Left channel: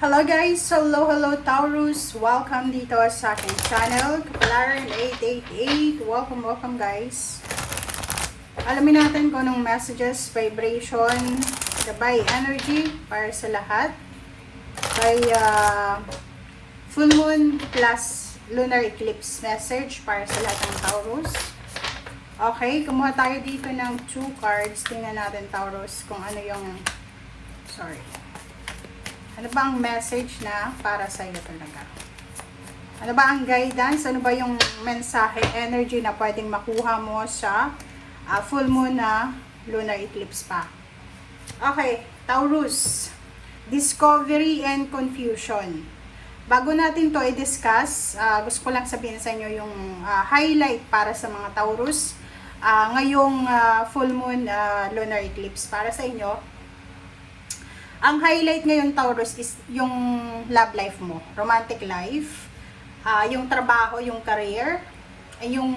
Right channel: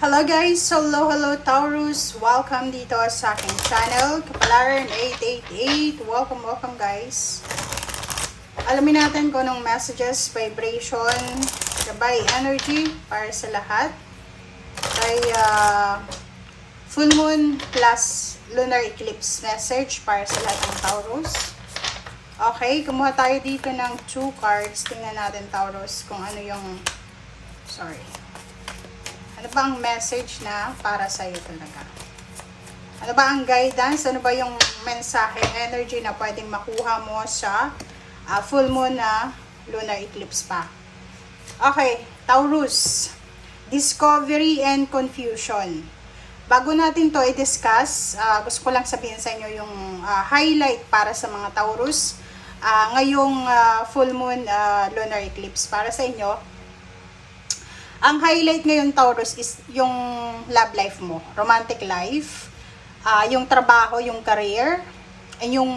Hello guys! Hello Taurus! Welcome dito sa aking channel, Kapalaran 888. Welcome guys! Alamin natin kung anong messages, vibration, gabay, energy para sa lahat. Kay full moon plus lunar eclipse message para sa lahat ng Taurus. Okay, kumuha tayo dito ng 2 cards. Tingnan natin Taurus kung ano yung... Ano ba ang message na para sa iyo talaga? Ano ba ang guidance? Ano ba yung mensahe, energy na pwedeng makuha mo sa full moon na lunar eclipse pa? Okay, Taurus. Discovery and confusion. Bago natin to i-discuss, gusto ko lang sabihin sa inyo yung highlight para sa mga Taurus. Ngayong full moon lunar eclipse para sa inyo. Ang highlight ngayon, Taurus, is yung love life mo, romantic life, yung trabaho, yung career, and yung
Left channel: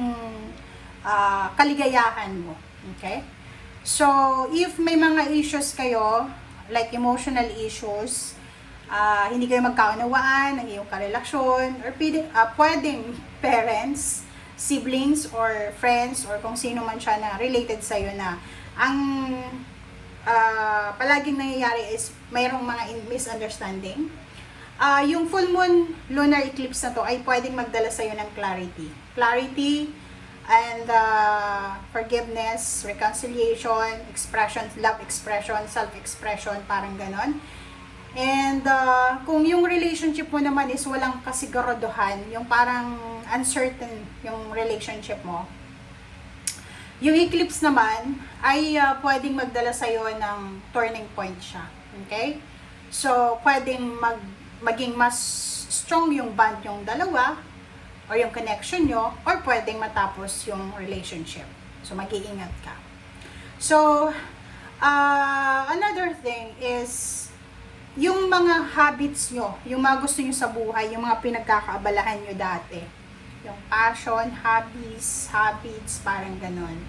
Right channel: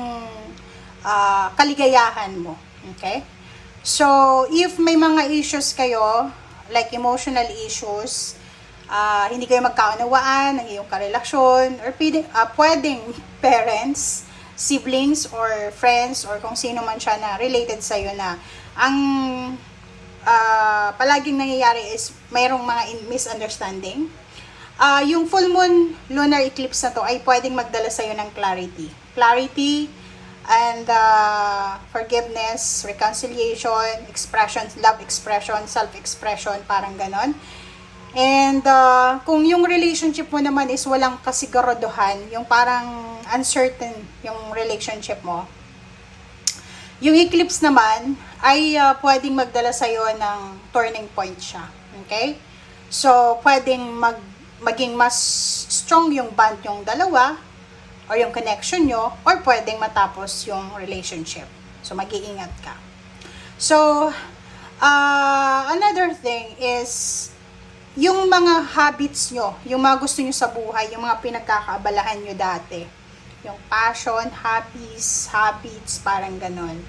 kaligayahan mo. Okay? So, if may mga issues kayo, like emotional issues, hindi kayo magkaunawaan ng iyong karelasyon, or pwedeng parents, siblings, or friends, or kung sino man siya na related sa'yo na ang palaging nangyayari is mayroong mga misunderstanding. Yung full moon lunar eclipse na to ay pwedeng magdala sa'yo ng clarity. Clarity and forgiveness, reconciliation, expression, love expression, self-expression, parang ganon. And kung yung relationship mo naman is walang kasiguraduhan, yung parang uncertain yung relationship mo, yung eclipse naman ay pwedeng magdala sa'yo ng turning point siya. Okay? So, pwedeng maging mas strong yung bond yung dalawa or yung connection nyo, or pwedeng matapos yung relationship. So, mag-iingat ka. So, another thing is yung mga habits nyo, yung mga gusto nyo sa buhay, yung mga pinagkakaabalahan nyo dati. Yung passion, hobbies, habits, parang ganon.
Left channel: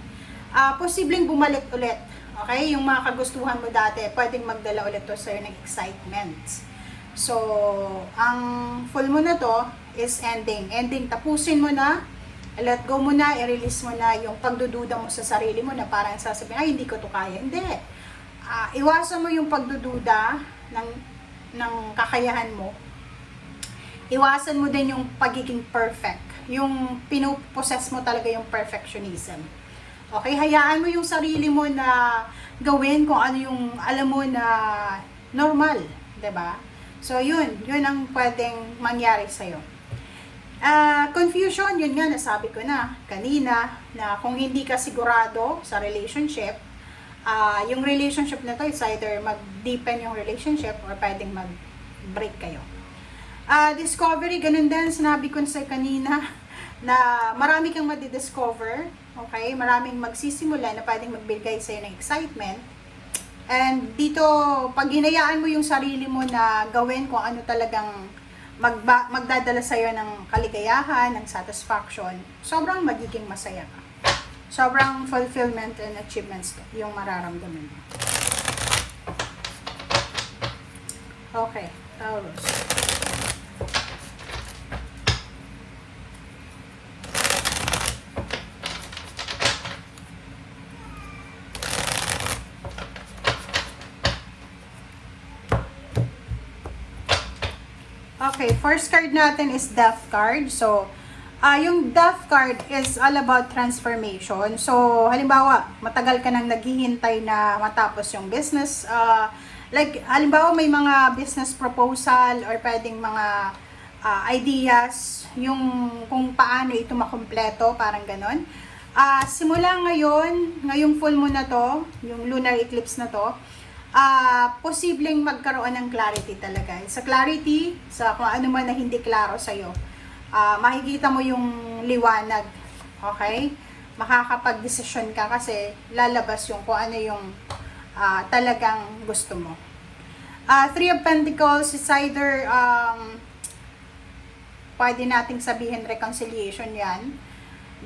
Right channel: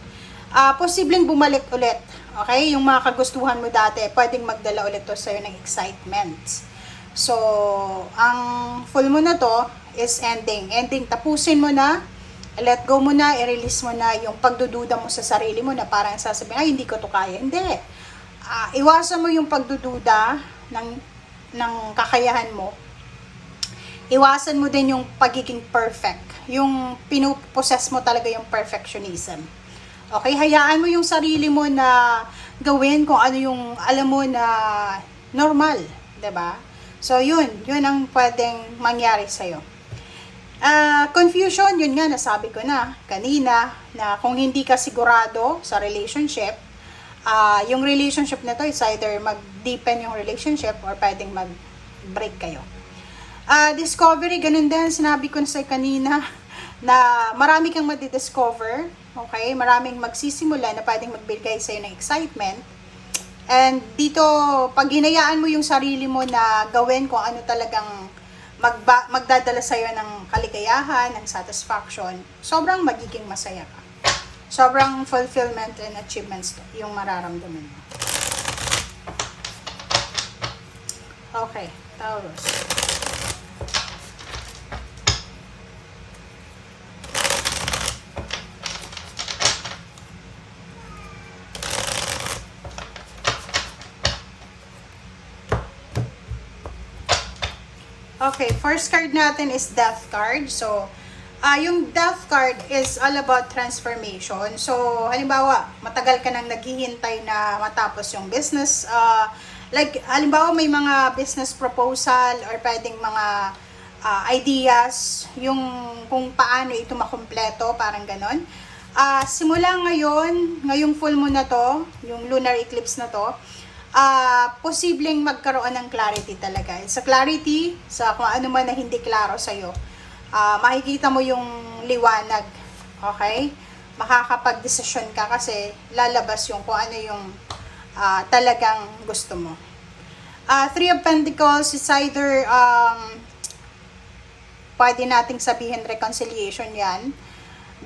Posibleng bumalik ulit. Okay? Yung mga kagustuhan mo dati, pwedeng magdala ulit to sa'yo ng excitement. So, ang full mo na to is ending. Ending, tapusin mo na, let go mo na, i-release mo na yung pagdududa mo sa sarili mo na parang sasabihin, ay, hindi ko to kaya. Hindi. Iwasan mo yung pagdududa ng kakayahan mo. Iwasan mo din yung pagiging perfect. Yung pinuposes mo talaga yung perfectionism. Okay, hayaan mo yung sarili mo na gawin kung ano yung alam mo na normal, 'di ba? So yun ang pwedeng mangyari sa iyo. Confusion, yun nga nasabi ko na kanina na kung hindi ka sigurado sa relationship, yung relationship na to is either mag-deepen yung relationship or pwedeng mag-break kayo. Discovery, ganun din, sinabi ko na sa kanina na marami kang madidiscover, okay? Maraming magsisimula na pwedeng magbigay sa'yo ng excitement. And dito, pag hinayaan mo yung sarili mo na gawin kung ano talagang magdadala sa'yo ng kaligayahan, ng satisfaction, sobrang magiging masaya ka. Sobrang fulfillment and achievements yung mararamdaman mo. Okay, Taurus. Okay, first card natin is Death card. So, yung Death card is all about transformation. So, halimbawa, matagal ka nang naghihintay na matapos yung business. Like, halimbawa, may mga business proposal or pwedeng mga ideas, yung kung paano ito makumpleto, parang ganon. Simula ngayong full moon na to, yung lunar eclipse na to, posibleng magkaroon ng clarity talaga. Sa clarity, sa kung ano man na hindi klaro sa'yo, makikita mo yung liwanag. Okay? Makakapag-desisyon ka kasi lalabas yung kung ano yung talagang gusto mo. Three of Pentacles is either pwede nating sabihin reconciliation yan,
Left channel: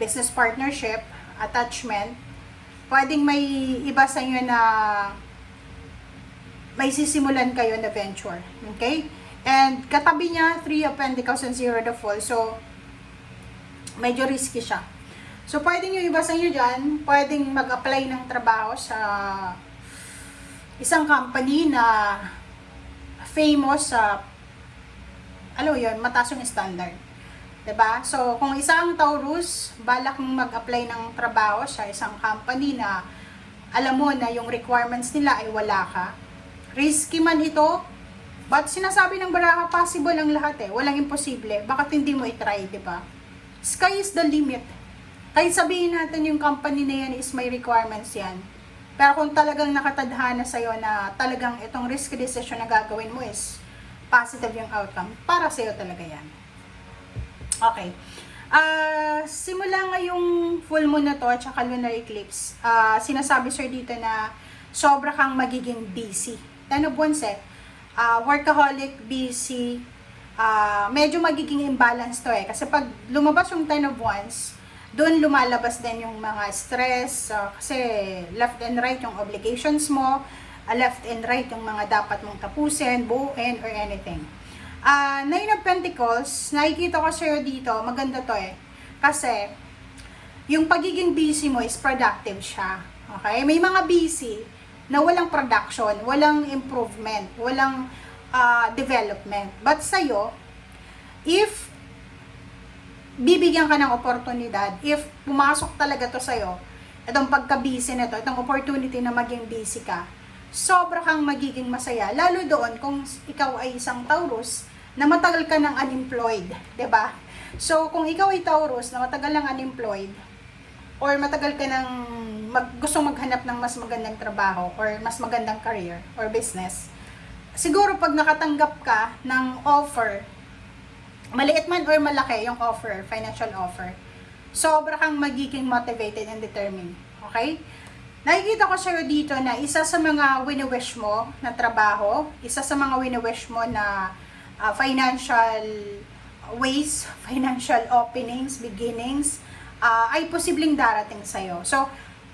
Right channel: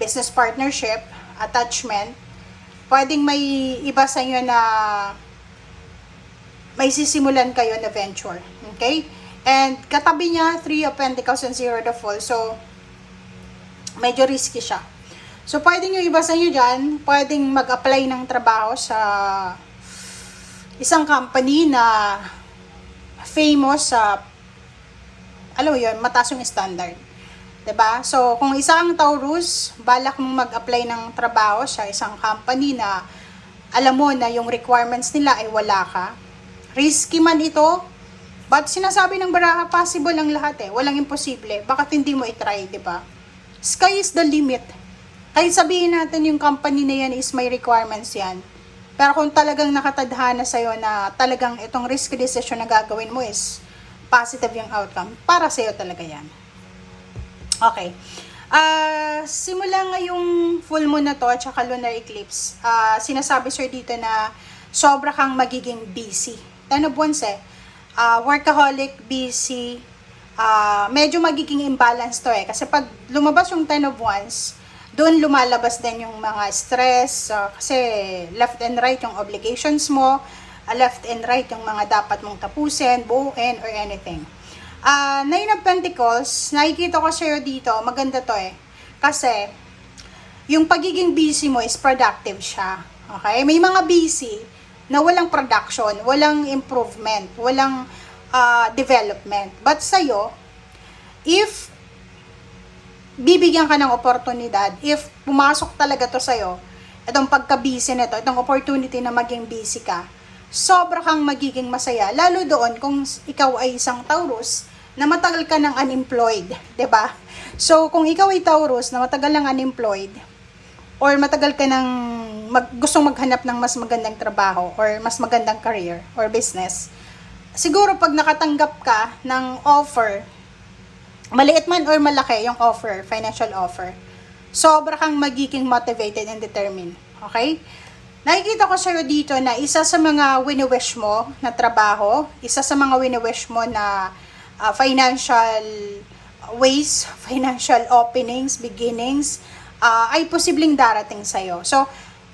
business partnership, attachment. Pwedeng may iba sa inyo na may sisimulan kayo na venture. Okay? And katabi niya, 3 of Pentacles and 0 the Fool. So, medyo risky siya. So, pwedeng yung iba sa inyo dyan, pwedeng mag-apply ng trabaho sa isang company na famous sa, alam mo yun, mataas yung standard. 'Di ba? So, kung isa ang Taurus, balak mong mag-apply ng trabaho sa isang company na alam mo na yung requirements nila ay wala ka. Risky man ito, but sinasabi ng baraha, possible ang lahat eh. Walang imposible. Bakit hindi mo i-try, 'di ba? Sky is the limit. Kahit sabihin natin yung company na yan is may requirements yan. Pero kung talagang nakatadhana sa'yo na talagang itong risky decision na gagawin mo is positive yung outcome, para sa'yo talaga yan. Okay. Simula ngayong full moon na to at saka lunar eclipse, sinasabi sir dito na sobra kang magiging busy. Ten of Wands workaholic, busy, medyo magiging imbalance to eh. Kasi pag lumabas yung Ten of Wands, doon lumalabas din yung mga stress, kasi left and right yung obligations mo, left and right yung mga dapat mong tapusin, buuin, or anything. Nine of Pentacles, nakikita ko sa'yo dito, maganda to eh. Kasi, yung pagiging busy mo is productive siya. Okay? May mga busy na walang production, walang improvement, walang development. But sa'yo, if bibigyan ka ng oportunidad, if pumasok talaga to sa'yo, itong pagka-busy nito, itong opportunity na maging busy ka, sobra kang magiging masaya, lalo doon kung ikaw ay isang Taurus na matagal ka ng unemployed, 'di ba? So, kung ikaw ay Taurus na matagal ng unemployed, or matagal ka ng gustong maghanap ng mas magandang trabaho, or mas magandang career, or business, siguro pag nakatanggap ka ng offer, maliit man or malaki yung offer, financial offer, sobra kang magiging motivated and determined. Okay? Nakikita ko sa'yo dito na isa sa mga wini-wish mo na trabaho, isa sa mga wini-wish mo na financial ways, financial openings, beginnings, ay posibleng darating sa'yo. So,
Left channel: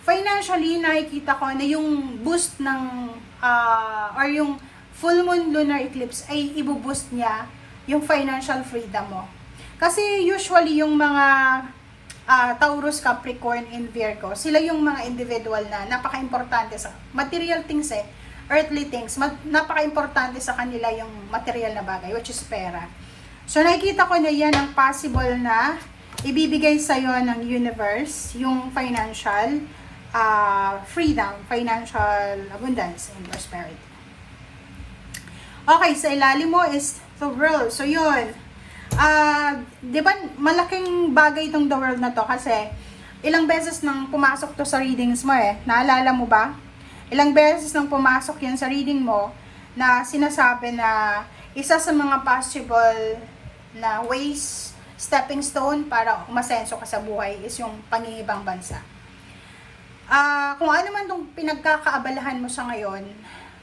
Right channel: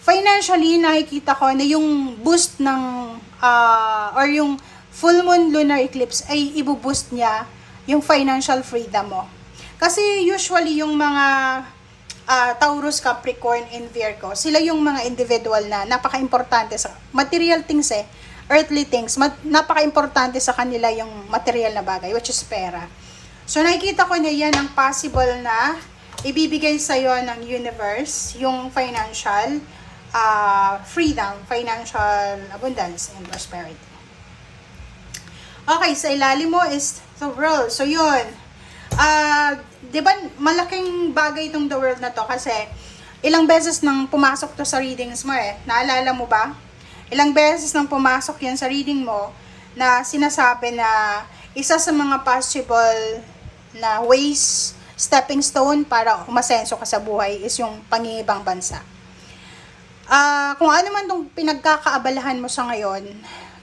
financially, nakikita ko na yung boost ng, or yung full moon lunar eclipse ay ibuboost niya yung financial freedom mo. Kasi usually yung mga Taurus, Capricorn, and Virgo, sila yung mga individual na napaka-importante sa material things eh, earthly things, napaka-importante sa kanila yung material na bagay, which is pera. So nakikita ko na yan ang possible na ibibigay sa'yo ng universe, yung financial freedom, financial abundance, and prosperity. Okay, sa ilalim mo is the world. So yun, di ba malaking bagay itong the world na to kasi ilang beses nang pumasok to sa readings mo eh. Naalala mo ba? Ilang beses nang pumasok yan sa reading mo na sinasabi na isa sa mga possible na ways, stepping stone para umasenso ka sa buhay is yung pangingibang bansa. Kung ano man itong pinagkakaabalahan mo sa ngayon,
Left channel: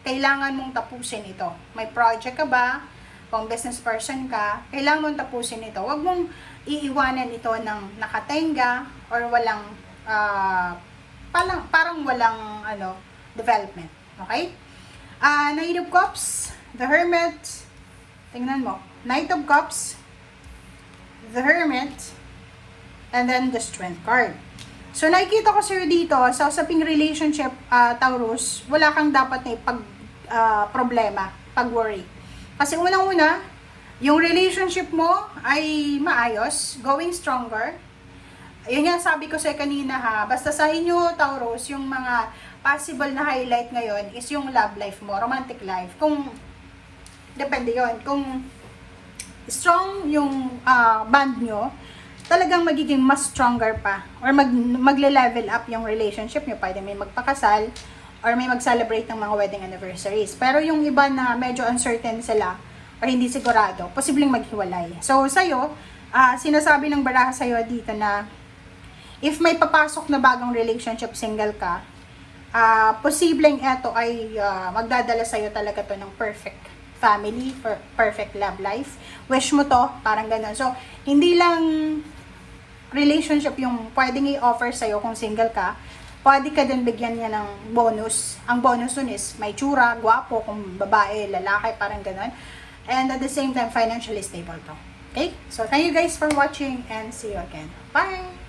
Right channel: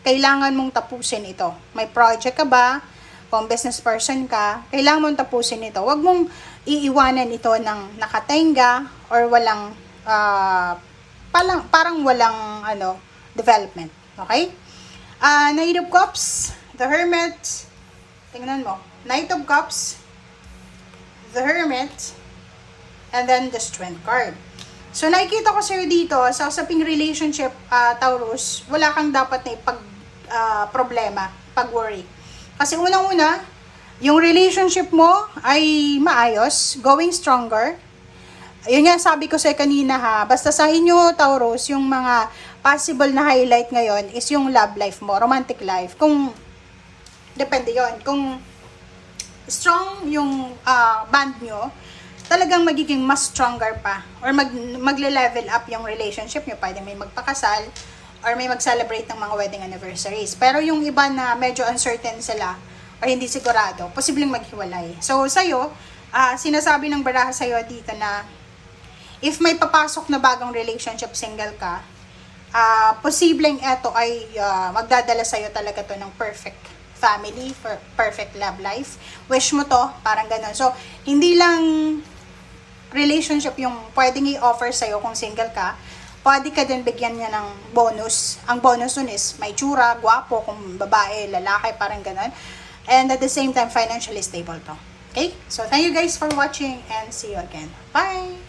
kailangan mong tapusin ito. May project ka ba? Kung business person ka, kailangan mong tapusin ito. Huwag mong iiwanan ito ng nakatenga or walang, parang walang development. Okay? Knight of Cups, the Hermit, tingnan mo, Knight of Cups, the Hermit, and then the Strength card. So, nakikita ko sa'yo dito, sa usaping relationship, Taurus, wala kang dapat na problema, pag-worry. Kasi unang-una, yung relationship mo ay maayos, going stronger. Yun nga, sabi ko sa'yo kanina ha, basta sa inyo, Taurus, yung mga possible na highlight ngayon is yung love life mo, romantic life. Kung, depende yon, kung strong yung band nyo, talagang magiging mas stronger pa or magle-level up yung relationship nyo. Pwede may magpakasal or may mag-celebrate ng mga wedding anniversaries. Pero yung iba na medyo uncertain sila or hindi sigurado, posibleng maghiwalay. So, sa'yo, sinasabi ng baraha sa'yo dito na if may papasok na bagong relationship, single ka, posibleng eto ay magdadala sa'yo talaga to ng perfect family, perfect love life. Wish mo to, parang ganun. So, hindi lang relationship yung pwedeng i-offer sa'yo kung single ka, pwede ka din bigyan niya ng bonus. Ang bonus nun is may tsura, gwapo, kung babae, lalaki, parang ganun. And at the same time, financially stable to. Okay? So, thank you guys for watching and see you again. Bye!